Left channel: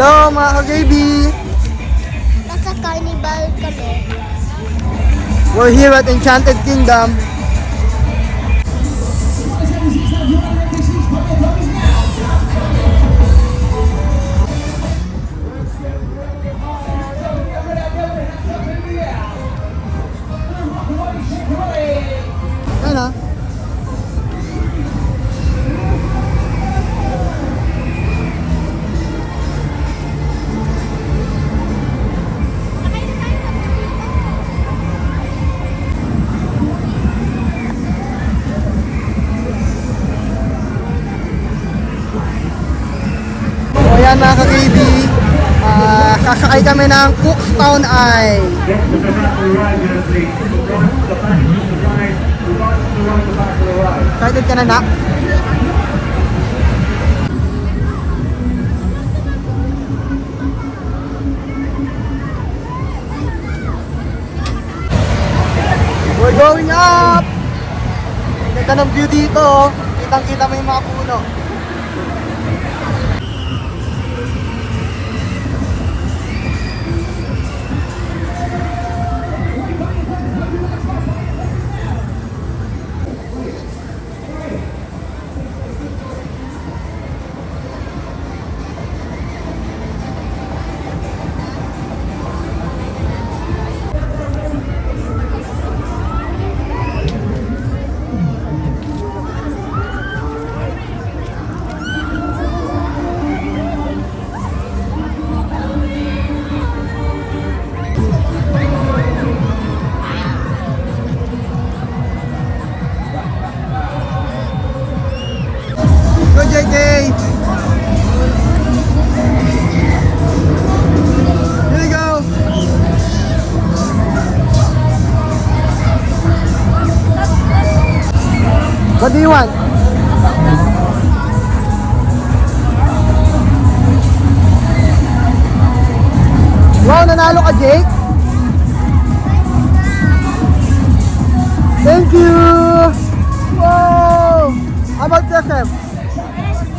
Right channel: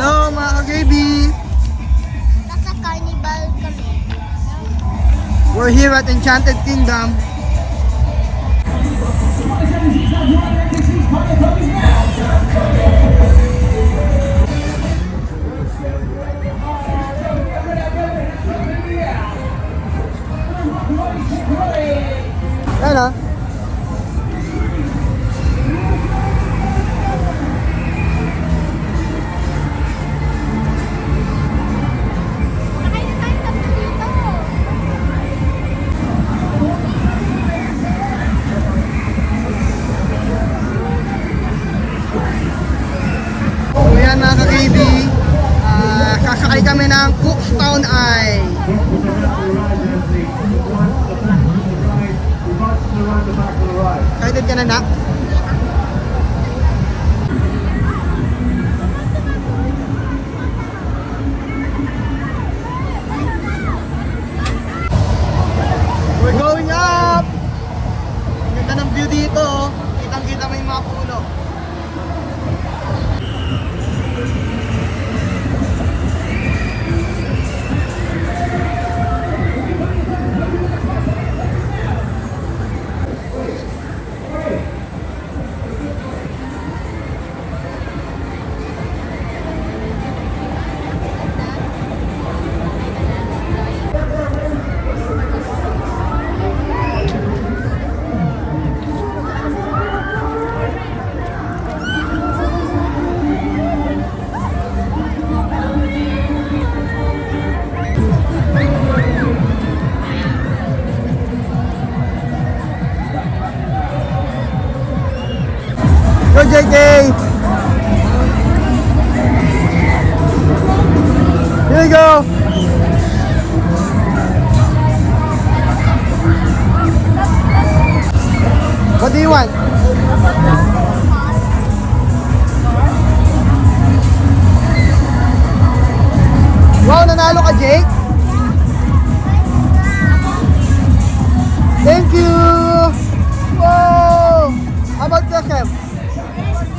Hello mga ka-JB! Nasa carnival kami. We're here at Enchanted Kingdom. Ayan o. Ayan mga ka-KB, sasakay kami ng Cookstown Eye. Excited ka na, Nak? We're going up! Ganda ng view dito, oh. Kitang-kita mo yung mga puno. Go JJ! Here we go! What do you want? Wow, nanalo ka, Jake? Thank you! Wow! How about yourself?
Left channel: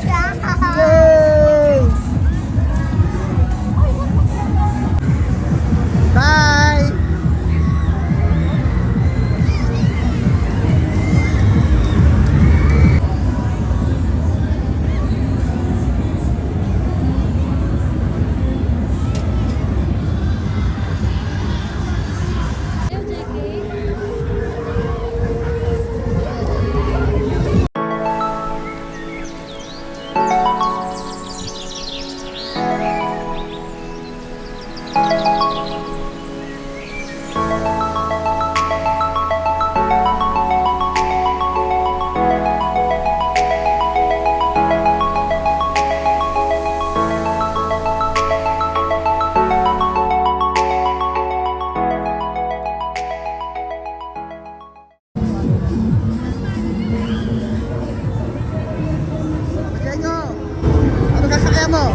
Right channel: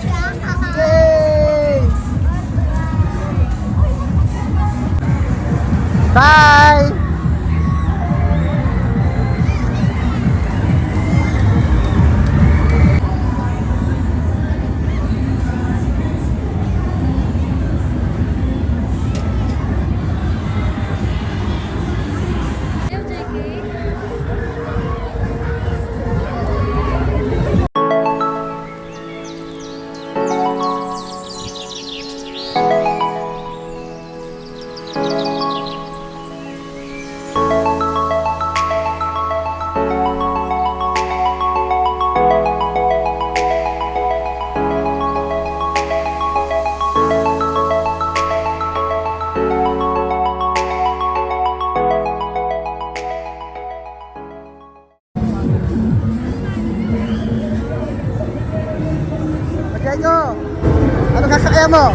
Yay! Bye! Diego, ano sasakyan mo?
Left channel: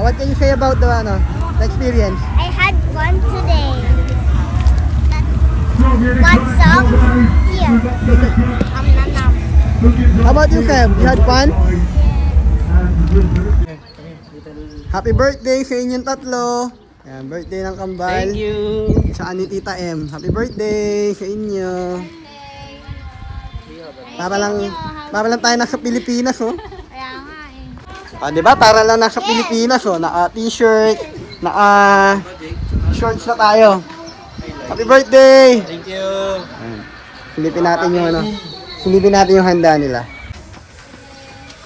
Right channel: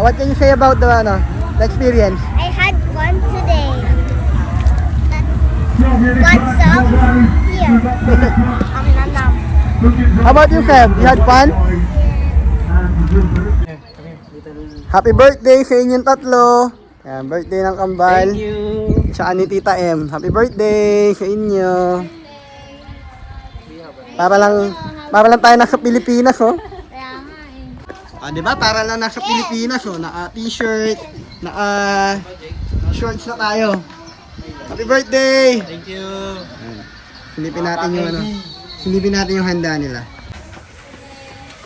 What can you say about the experience? I had fun today. Want some? Here. Nam. How about you, Feb? You had fun? Happy birthday sa inyong tatlo. Yan, birthday ng kambal. Thank you. Sa ni Tita M. Happy birthday sa inyo. Para lang tayo nasa Pilipinas, oh. Kaya nga eh. Ah, 'di ba? Para lang nasa Pilipinas, oh, naka t-shirt, naka shorts na tayo. Happy birthday! Thank you. Silipin natin yung ano. Silipin natin yung handa nila.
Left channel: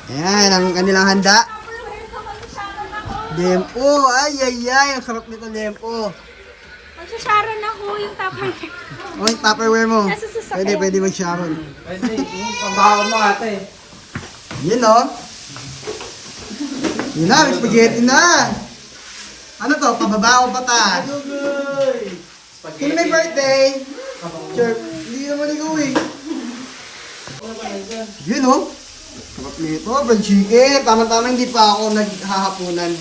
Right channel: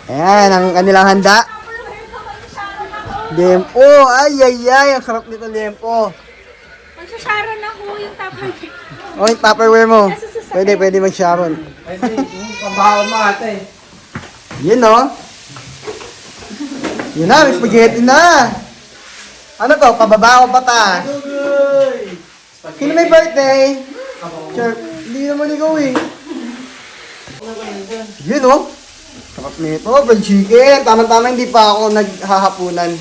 Ayan, ang kanilang handa. Lempo! Ay, ay, ay! Ang sarap nito, lempo. Magsasharon ako yung tapay. Oh, yung Tupperware mo. Nasa sasakyan. Pwede mag-sharon. Pwede, pambaon mo ate. Yun, no? Yun na, may spaghetti na. Ano to? Pababa o pata? Sino may birthday? Sure, hindi naman ikaw eh. Yun, no? Sarap nito, fried chicken. Tama-tama, hindi pa ako naghahapunan.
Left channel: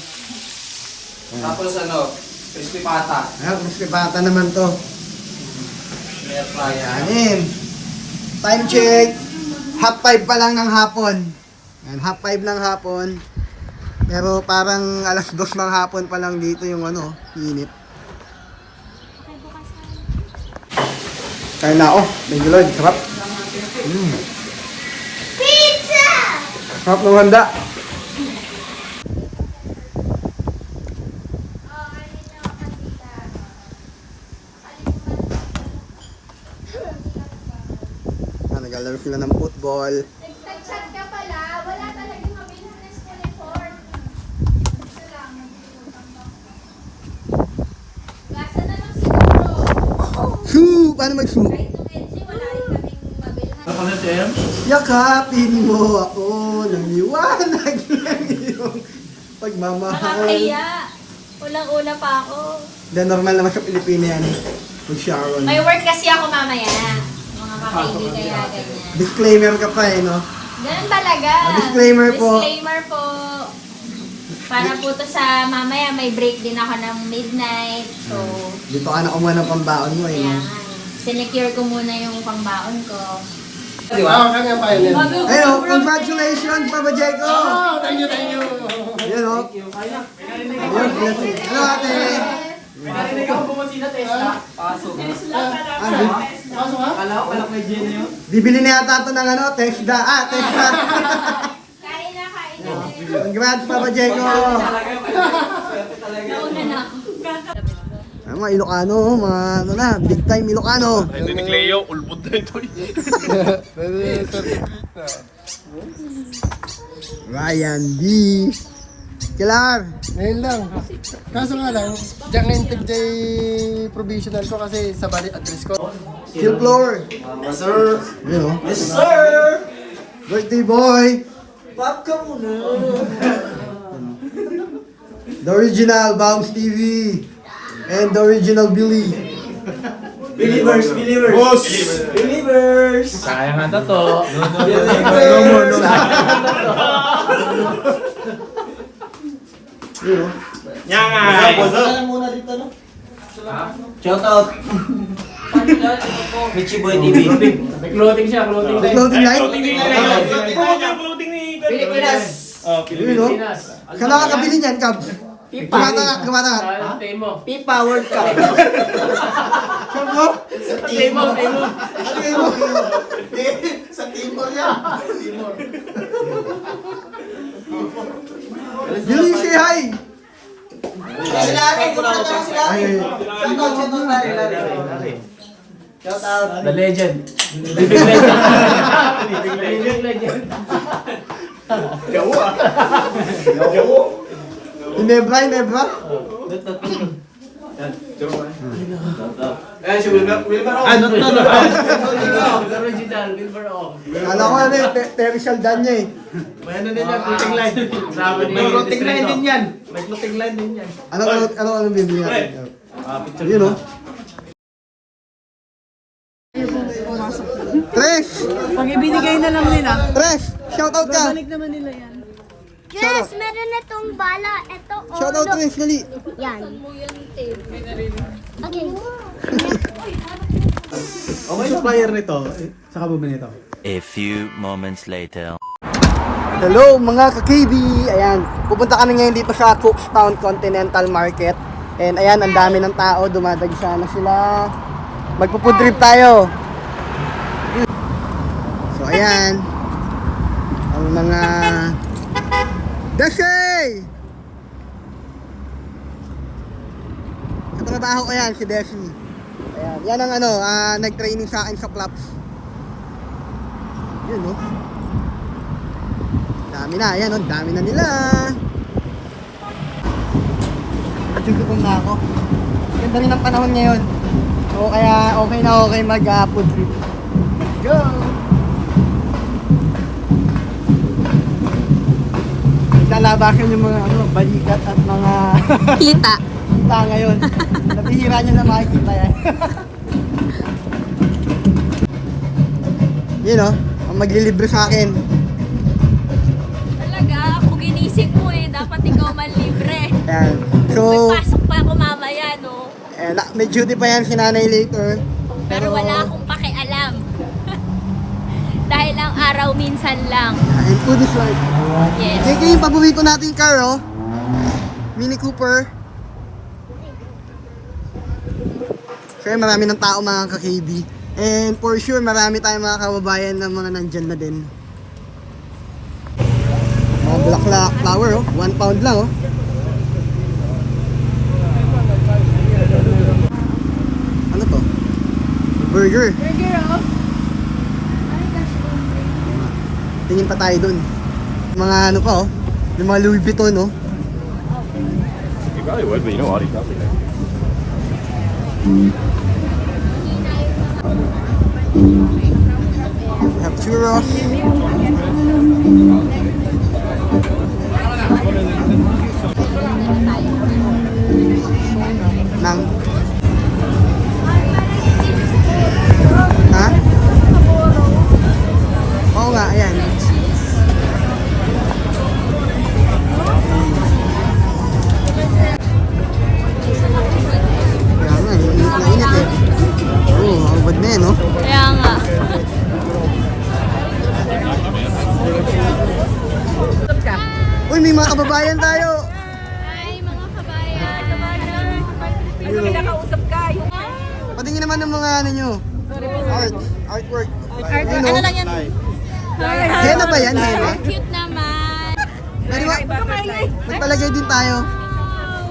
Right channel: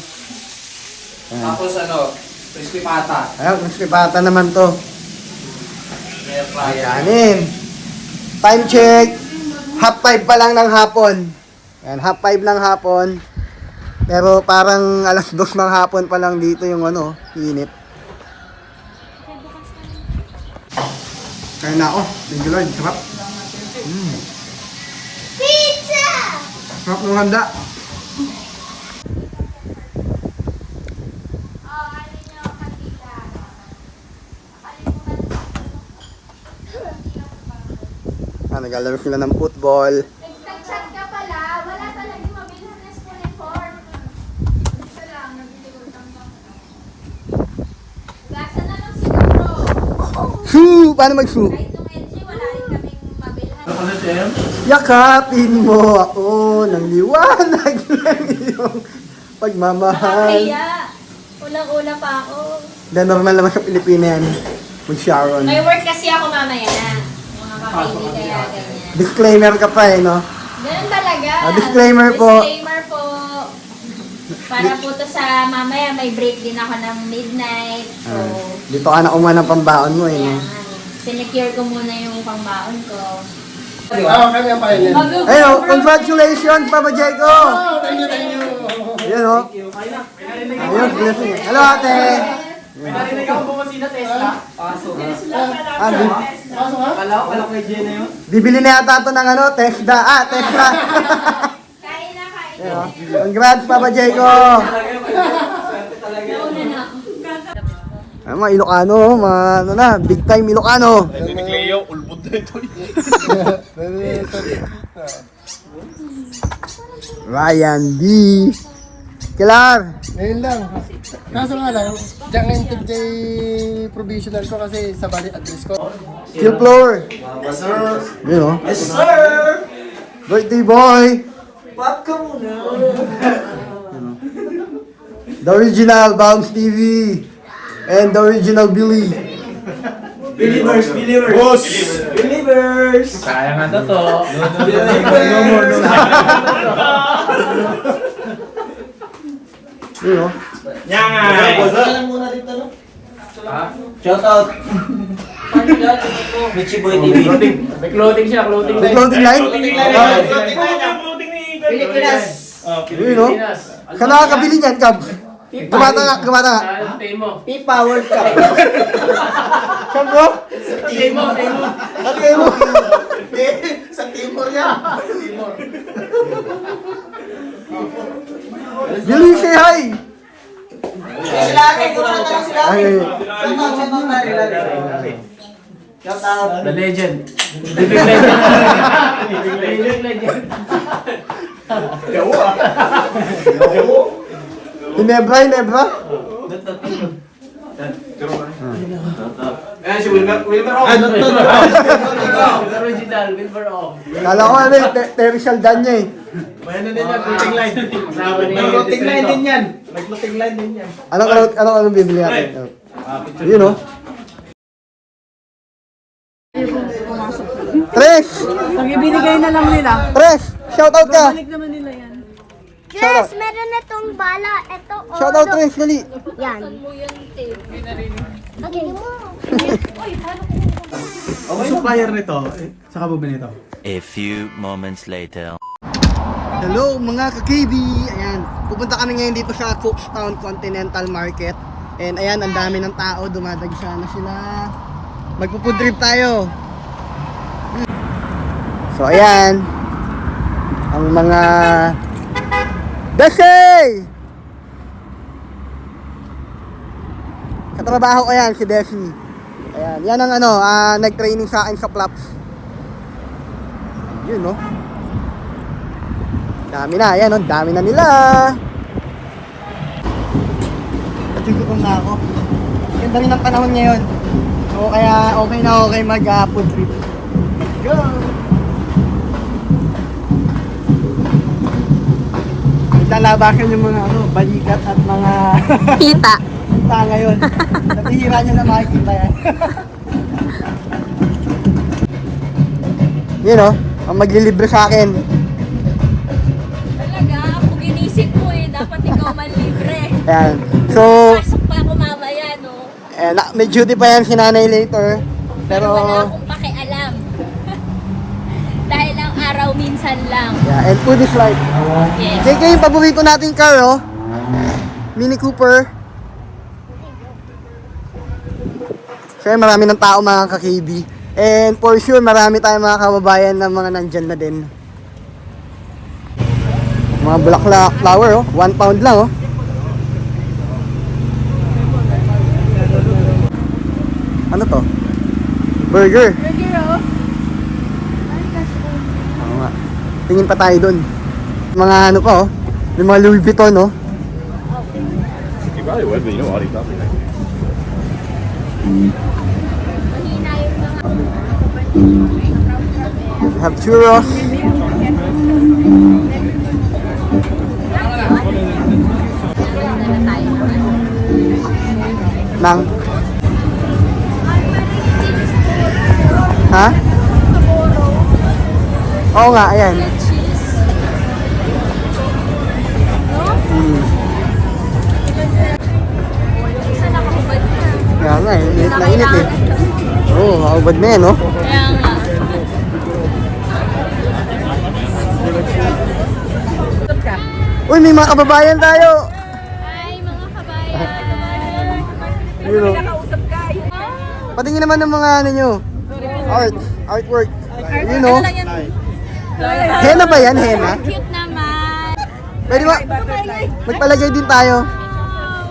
Tapos ano, crispy pata. Ayan, crispy pata naman to. Meron pa yan. Ayanin. Time check. 5:30 pa lang ng hapon. Ayan, 5:30 ng hapon. Pero parang 2:00 ng hapon pa lang dito yung ano, init. Kaya na ako. Thank you Lord. Sarap. Pizza! Sarap ng handa. Naglalaro sila ng football. Nagchat ka pala. Wala talagang mabilang na uniform. Klasa na ng siguro. Shoo! Paano mag-shoo? Kahit nung LG, wala rin kaming mabilang. Ano ka na, Shem? Yakapin mo ako ng liwanag ng iyong pagmamahal. Nakakaya. Ulang-una pa ako. Na normal naman sa Pilipinas yan. Mag-sharon. May work kasi ako mamaya. Mga makaili kaya ganyan. Disclaimer ka pa eh, no? Ganun talaga. Disclaimer po. Disclaimer po. Para po to sa mamaya, may break din ako ng midnight. So, Dito ka na kumuha ng pambaon mo eh. kaya no? nga. Sinecure ko muna yung pangbaon ko. Kanya pa yun. Ayun, oh, congratulations, Papa Jaco! Thank you, thank you. Ayun, oh. Ayun, blessing. Hello, ate! Narinig ako bumusina, Tesla. Pasok. Ah, Pasok ha? Kala kay Jenna yun. bibili na yata ito ng ano, Tesla. Ah, Tesla! Kain na, kain. Ayun, oh. Congrats, Papa Jaco! Nauna na ako. Ay, mga Ilocano, mga ano na, big time Ilocano. Ni Cleo, ulbod na ito. Ryan B. Kilar. Ngayon lang. Kaso nga lang, diyan ngayon tig-day provisional ko kasi sa bali address ko. Kill floor. Yes, sir. Yun, oh. Yes, sir. Birthday boy. Popcorn na. The original Bounce TV. And the original Billy. Believers, believers. Boss! Believers. Kaya nga to. No more, no more. Yun, oh. Nyangay! Alam muna dito, no? Shout out. Michi Boy TV. May clothing siya, clothing The clothing line? Pilipinas. Yun, oh. Saan nakakabili niyan, Cab? Gumata nga, gumata nga. FIFA World Cup. Saan bro? Ano kayo mo? Sa Timor yan. Billy, say hi! Kailangan ko na ako pa. Ay, Shout out. The legend. Living legend. Living legend. Gawo ah. Gawo. Hinebra, Hinebra. Eh, si Wilmer. Ano to? Original, Wilmer O. Kala ko ano yung Terry Saldan niya eh. May ano din yan, clothing line. May clothing line din yan. May clothing line din yan. Anong bibili natin? Yun, oh. Tres! Pag ibinigay na lang nila, Tres! Shoutout ka! balik naman nila yan. Yes, meron na tong bala. Ito, oh. Shoutout Tres, dali! Yan. Okay. Okay na player nito, saka bumili nito. A few moments later. Hello mga ka-KB! Ayan, pupunta kami ngayon dito sa Cookstown Continental Market. And ayan, ang dami ng tao, dumadagsa na sila. Magpo-food trip tayo. So ayan, ang mga Desi! Katrabaho ko yan, si Desi. Ayan. Yan ang ano, nag-training sa akin sa Flaps. Yun, no? Dami na, ayan, no? Dami na nila. At yung gutom na ako. Ganda rin ang panahon ngayon. So, kaya okay na okay mag-food trip. Let's go! Naglalabasan yung mga ano, balikat at mga Kita. kita ngayon. Nabihira nyo na makikita yan. Yun o, ang maglilibre sa akin. Talaga, ako ginisip mo eh. Dapat ikaw man libre. Ayan. So, Pasok pa ako mamaya, no? may duty pa yan si nanay later. Pero wala akong pakialam. Dahil ang araw minsan lang. Yeah, and food is life. Yes. JK, yung paborito nating car, oh. Mini Cooper. Siyempre, marami ng tao mga ka-KB. And for sure, marami tayong mga kababayan na mga nandyan na din. Mga bulaklak flower, oh. 1 pound lang, oh. Ano to? Burger. Burger ako. Oo nga. Tingin pa tayo dun. Mga ano pa, oh. May mga Louis Vuitton, oh. You probably would, but you know Audi coffee there. Have churros. Nang. Ha? Oo nga, ayan. Kaya nga, init na init eh. Oo, kaubad na yan, no? Kaya nga. Uy, may mga kababayan tayo! Hi, mga kabayan. Yun, oh. Nakausap ka. Yung... Patingin naman ng mga ano nyo. Artwork. Yun, no? Ano lang yan? Henna ba yan, henna? Cute naman. Pwede ba? Magpalagay din tayo.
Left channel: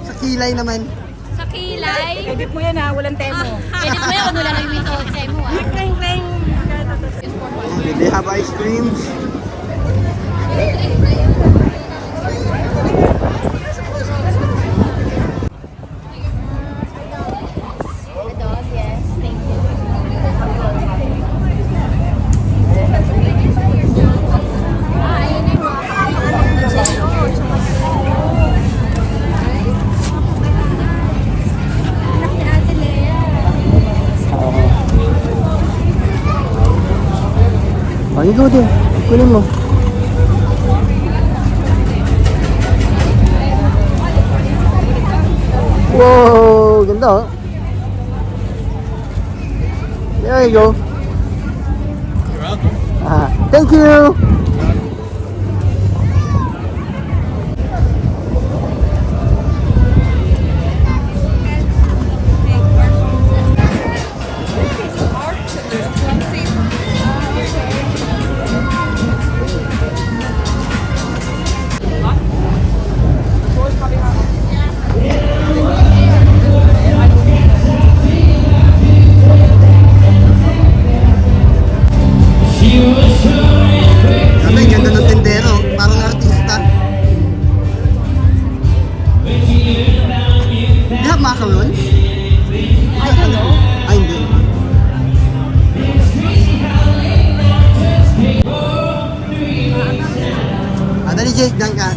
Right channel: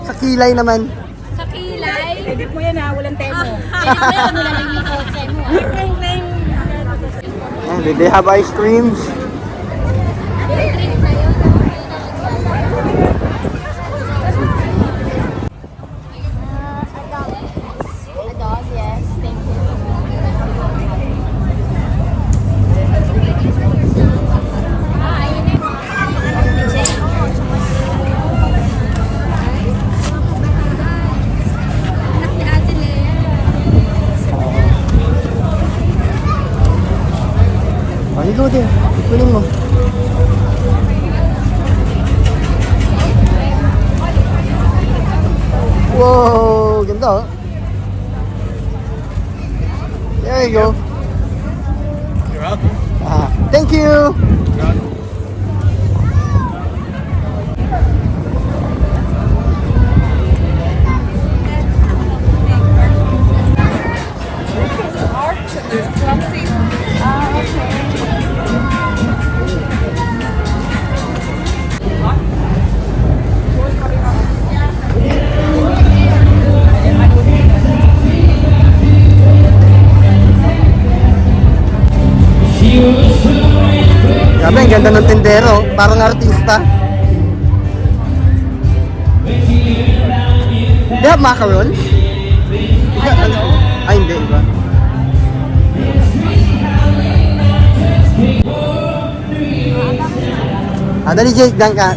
Sa kilay naman. Sa kilay. Edit mo yan ha, walang temo. Pwede mo yan, ano lang yung mikotse mo. Ayan, they have ice creams. A dog, yes. Thank you. Ayun na yung Ate Lea. Maligo din. Kunin mo. Wow, ganda oh. There you go. You're welcome. Thank you. Sabi, ang ganda ng tendero. Parang artista. They have macarons? Ay, hindi iba. Dali Jake, dyan ka.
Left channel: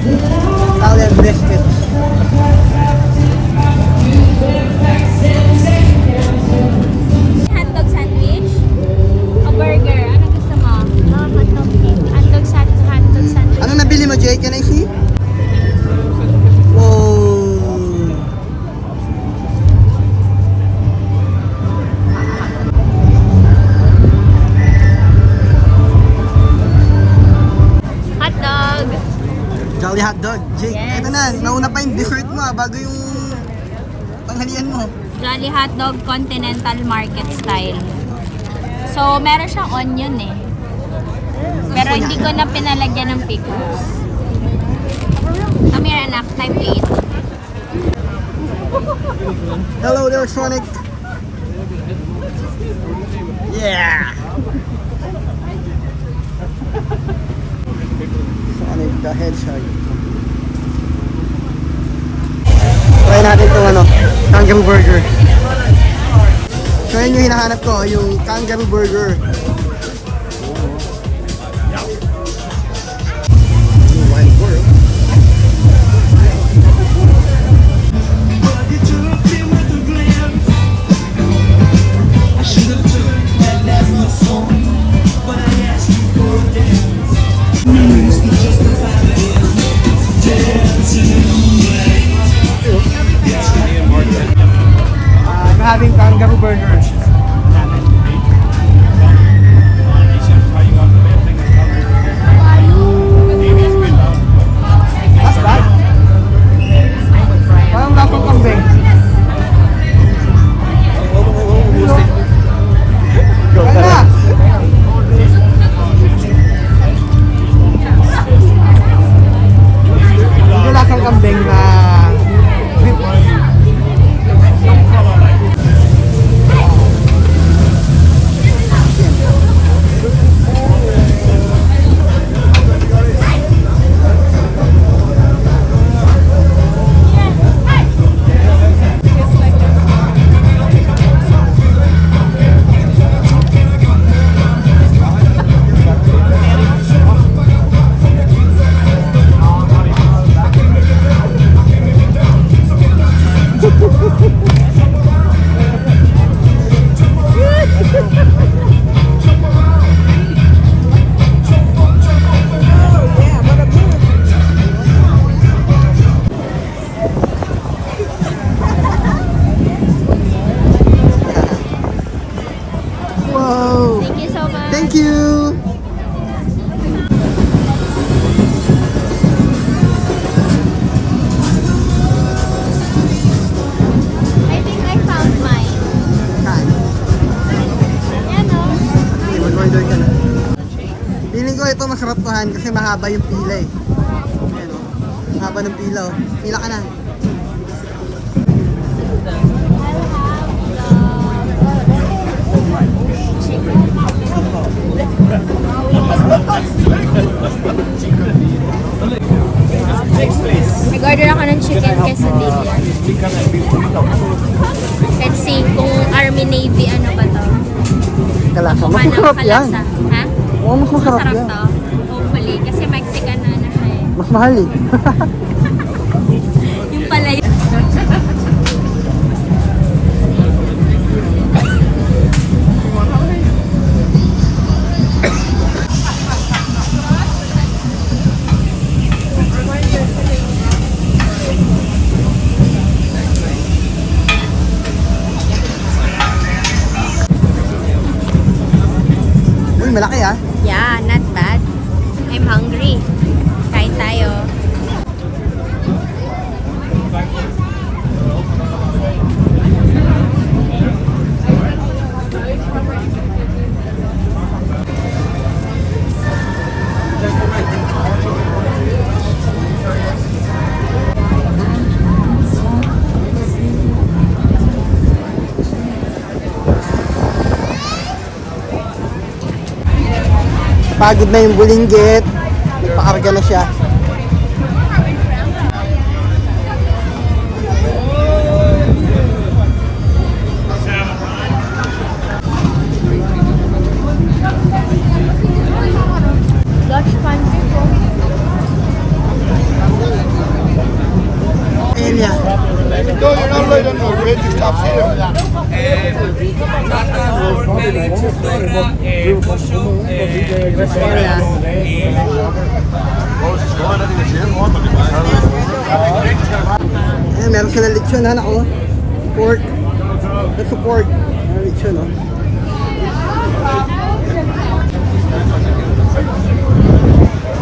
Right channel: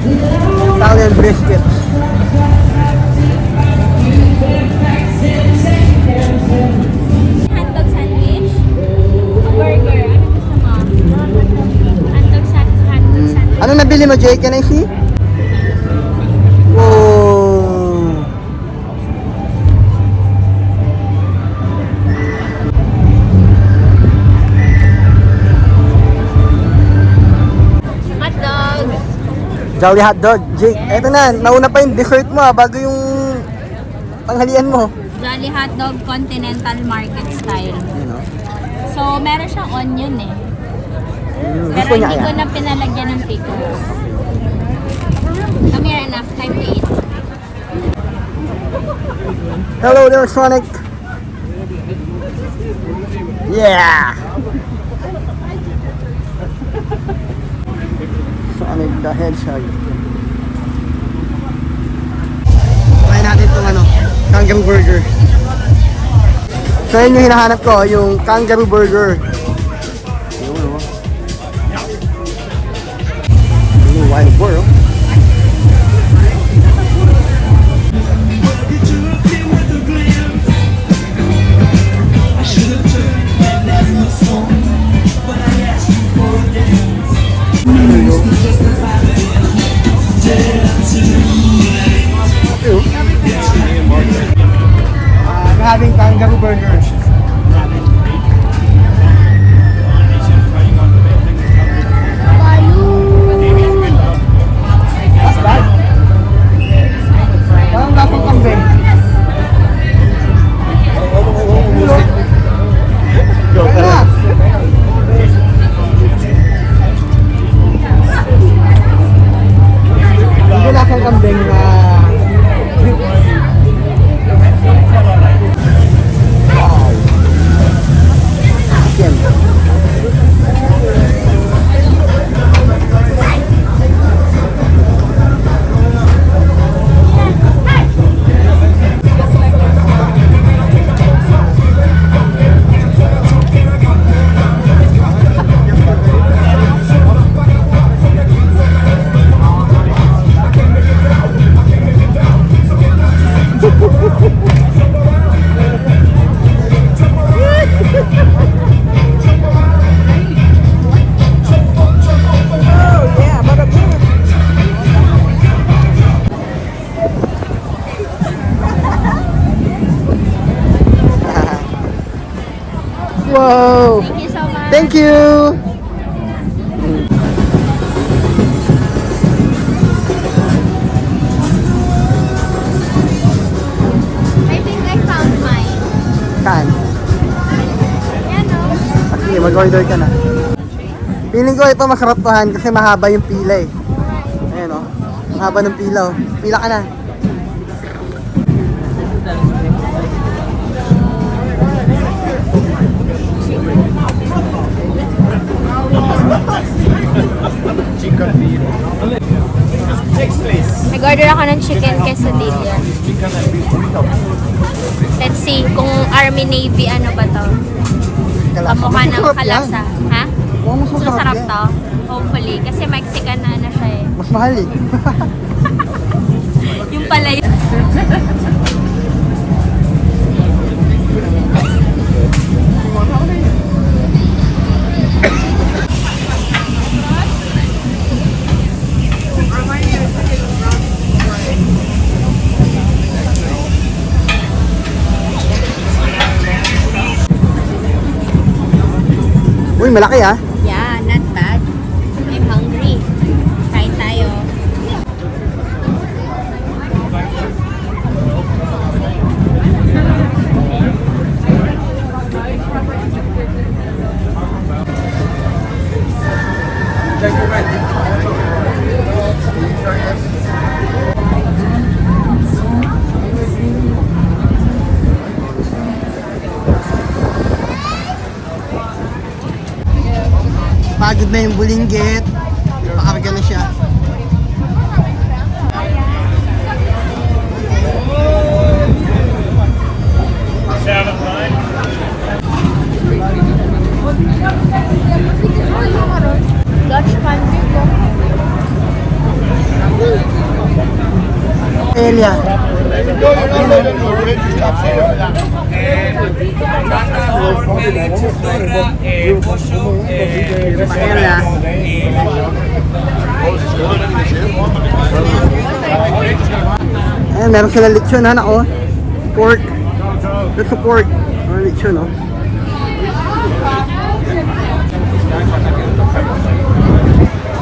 Italian biscuits. Hotdog sandwich? O burger? Ano gusto mo? Hotdog sandwich. Ano nabili mo, Jake? Can I see? Oh. Hotdog! Jolly hotdog. Jake, Yes. eto na. Nauna pa yung dessert mo bago yung panghalian mo. Jolly Hotdog Continental Market Style. So, meron siyang onion eh. Pero Gusto niya hindi ko yan. na pinalagyan ng pickles. Come here, anak. Time to eat. Hello there, Sonic. Yeah. Sonic the Hedgehog. Try natin itong kangaroo burger. So yun yung hinahanap ko, yung kangaroo burger. Wild world. I'm having kangaroo burgers. That's bad. Parang lasang kambing. Kaya na. Hindi lasang kambing na Wow! Thank you so much. Thank you! I think I found mine. Saan? Yan o. Sige, mag-order ka na. Feeling ko ito masarap tohan kasi mahaba yung pila eh. Ayan o. Mahaba ng pila o. Pila ka na. Nag-order ako ng chicken quesadilla. Let's see kung Army Navy ano ba to. Kamukha ng kalasa. Ha? Masarap to. Hopefully. Kasi Mexican na ano siya eh. Mas mahal eh. Yung pala yun. Uy, malaki ah. Yeah, not bad. I'm hungry. Kain tayo. Pagod na yung bulinggit. Nagpakarga na siya. Dutch country po. Elia. Elia. Eh, meron silang lechon ha, nako. Pork. Ito pork. Meron lechon, oh.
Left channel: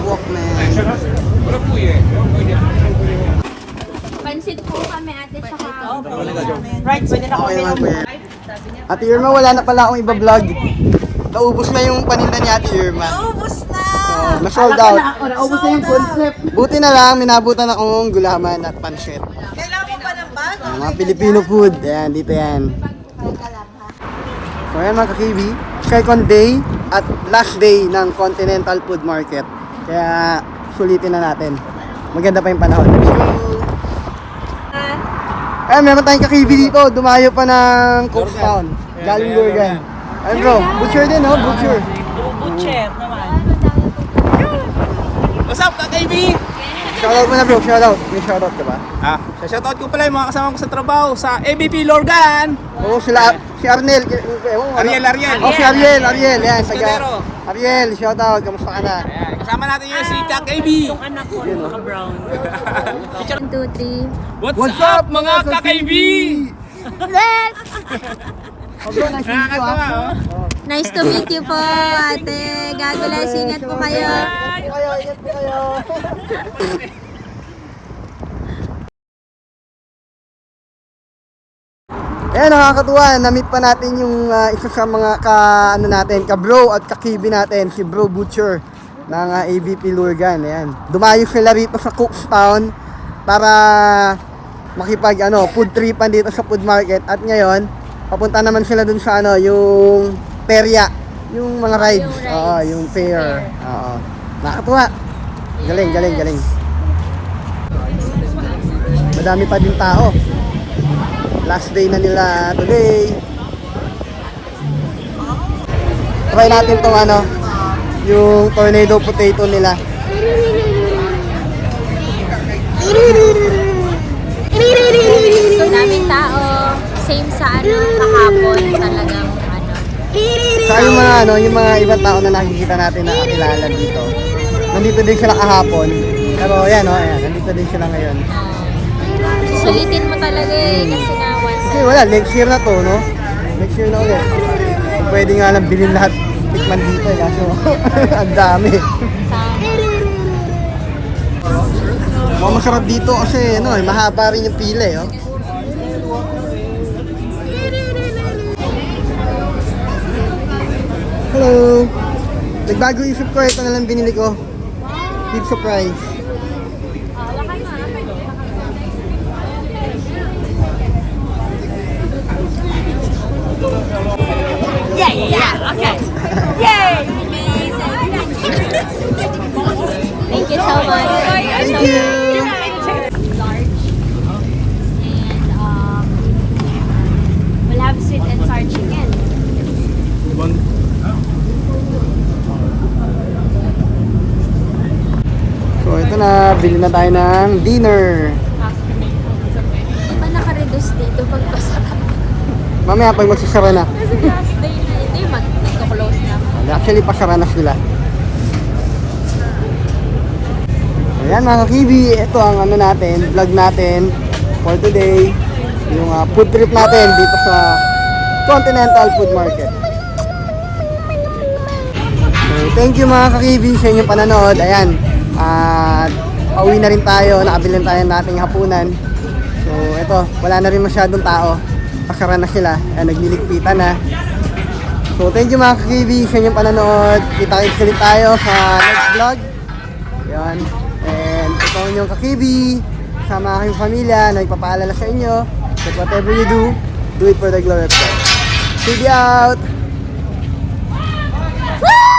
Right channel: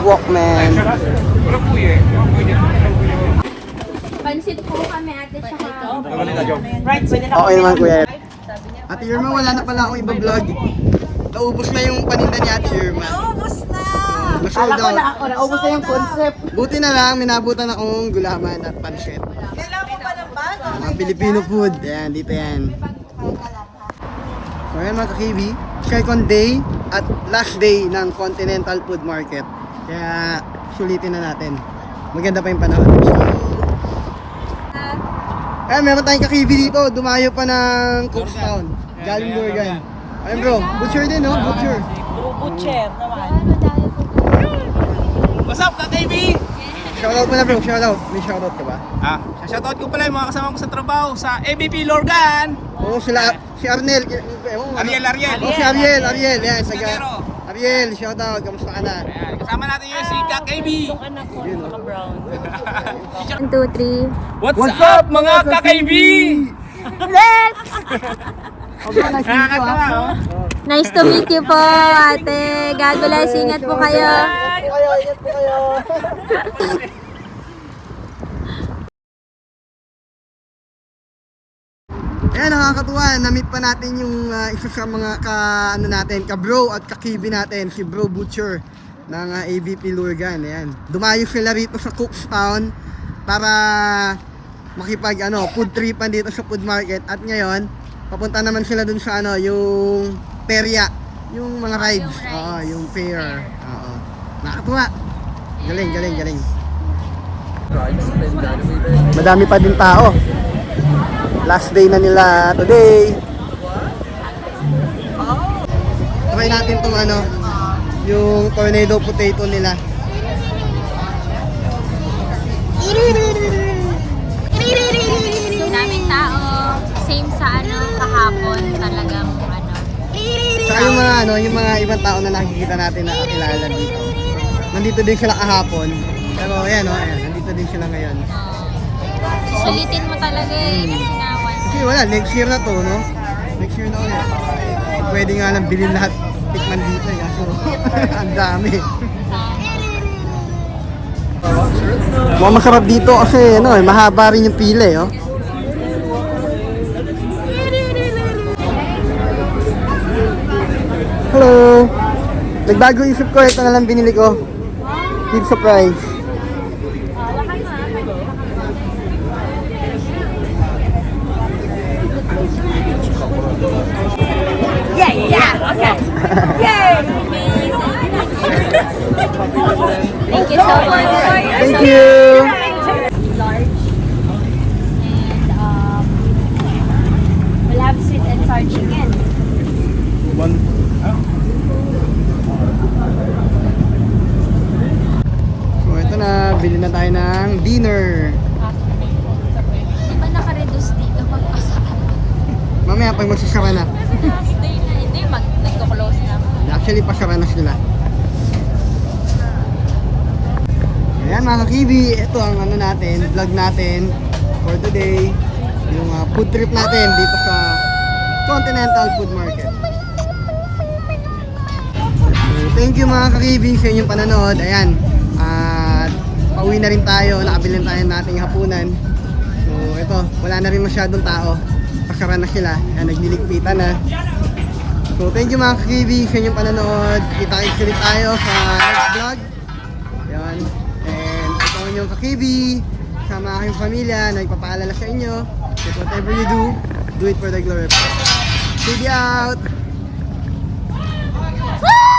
Walkman. Pansit po kami ate tsaka. Right, pwede na Okay naman, kuya. Ate Irma, wala na pala akong iba-vlog. Ito naubos na yung paninda ni Ate Irma. Naubos na! Na-sold out. Naubos na yung concept. Buti na lang, minabutan akong gulaman at pancit. Kailangan mo ba ng bago? Mga Filipino food. Ayan, dito yan. So ayan mga ka-KB, second day at last day ng Continental Food Market. Kaya sulitin na natin. Maganda pa yung panahon. Ayan, meron tayong ka-KB dito. Dumayo pa ng Cookstown. Galing Lurgan. Ayun bro, butcher din no? Butcher. Butcher naman. What's up, ka-KB? Shoutout mo na bro, shoutout. May shoutout diba? Shoutout ko pala yung mga kasama ko sa trabaho sa ABP Lorgan. Oo, sila, si Arnel. Ariel. Oh, si Ariel. Ayan, Kadero. Ariel, shoutout. Kamusta ka na? Ayan, kasama natin yung si ka-KB. 1, 2, 3. What's up, mga ka-KB? Oh bro, nice to meet you ha. Nice to meet you po, ate. God bless. Ingat po kayo. Ingat po kayo. Ayan, nakakatuwa. Na-meet pa natin yung isa sa mga ka-bro at ka-KB natin, si Bro Butcher ng ABP Lurgan. Ayan. Dumayo sila rito sa Cookstown para makipag food tripan dito sa food market. At ngayon, papunta naman sila dun sa yung perya, yung mga rides. Yung rides. Oo, yung fair. Oo. Nakakatuwa. Galing. Madami pa din tao. Last day na nila today. Try natin tong yung tornado potato nila. Daming tao. Same sa kahapon talagang Saka yung mga ibang tao na nakikita natin na kakilala dito. Nandito din sila kahapon. Pero ayan, nandito din sila ngayon. sulitin mo talaga kasi nga once. Kasi wala, next year na to, no? Next year na ulit. Pwede nga lang bilhin lahat. Tikman dito kaso ang dami. Mukhang masarap dito kasi mahaba rin yung pila oh. Hello! Nagbago isip ko, ito na lang binili ko. Big surprise. Okay. Yay! Thank you so much. Thank you! Large. And we'll have sweet and sour chicken. So ito na, bili na tayo ng dinner. Di ba naka-reduce dito pagpasarap? Mamaya pag magsasara na. Kasi last day na hindi, nagko-close na. Actually, pasara na sila. Ayan mga kibi, ito ang natin, vlog natin for today. Yung food trip natin dito sa Continental Food Market. So, thank you mga kakibi sa inyong pananood. Ayan, pauwi na rin tayo, nakabili tayo ng ating hapunan. So ito, wala na rin masyadong tao. Pasara na sila, nagliligpitan na. So thank you mga kakibi sa inyong pananood. Kita-kits ulit tayo sa next vlog. Ayan. And ito yung kakibi, kasama aking pamilya, nagpapaalala sa inyo that whatever you do it for the glory of God. TV out! Woo!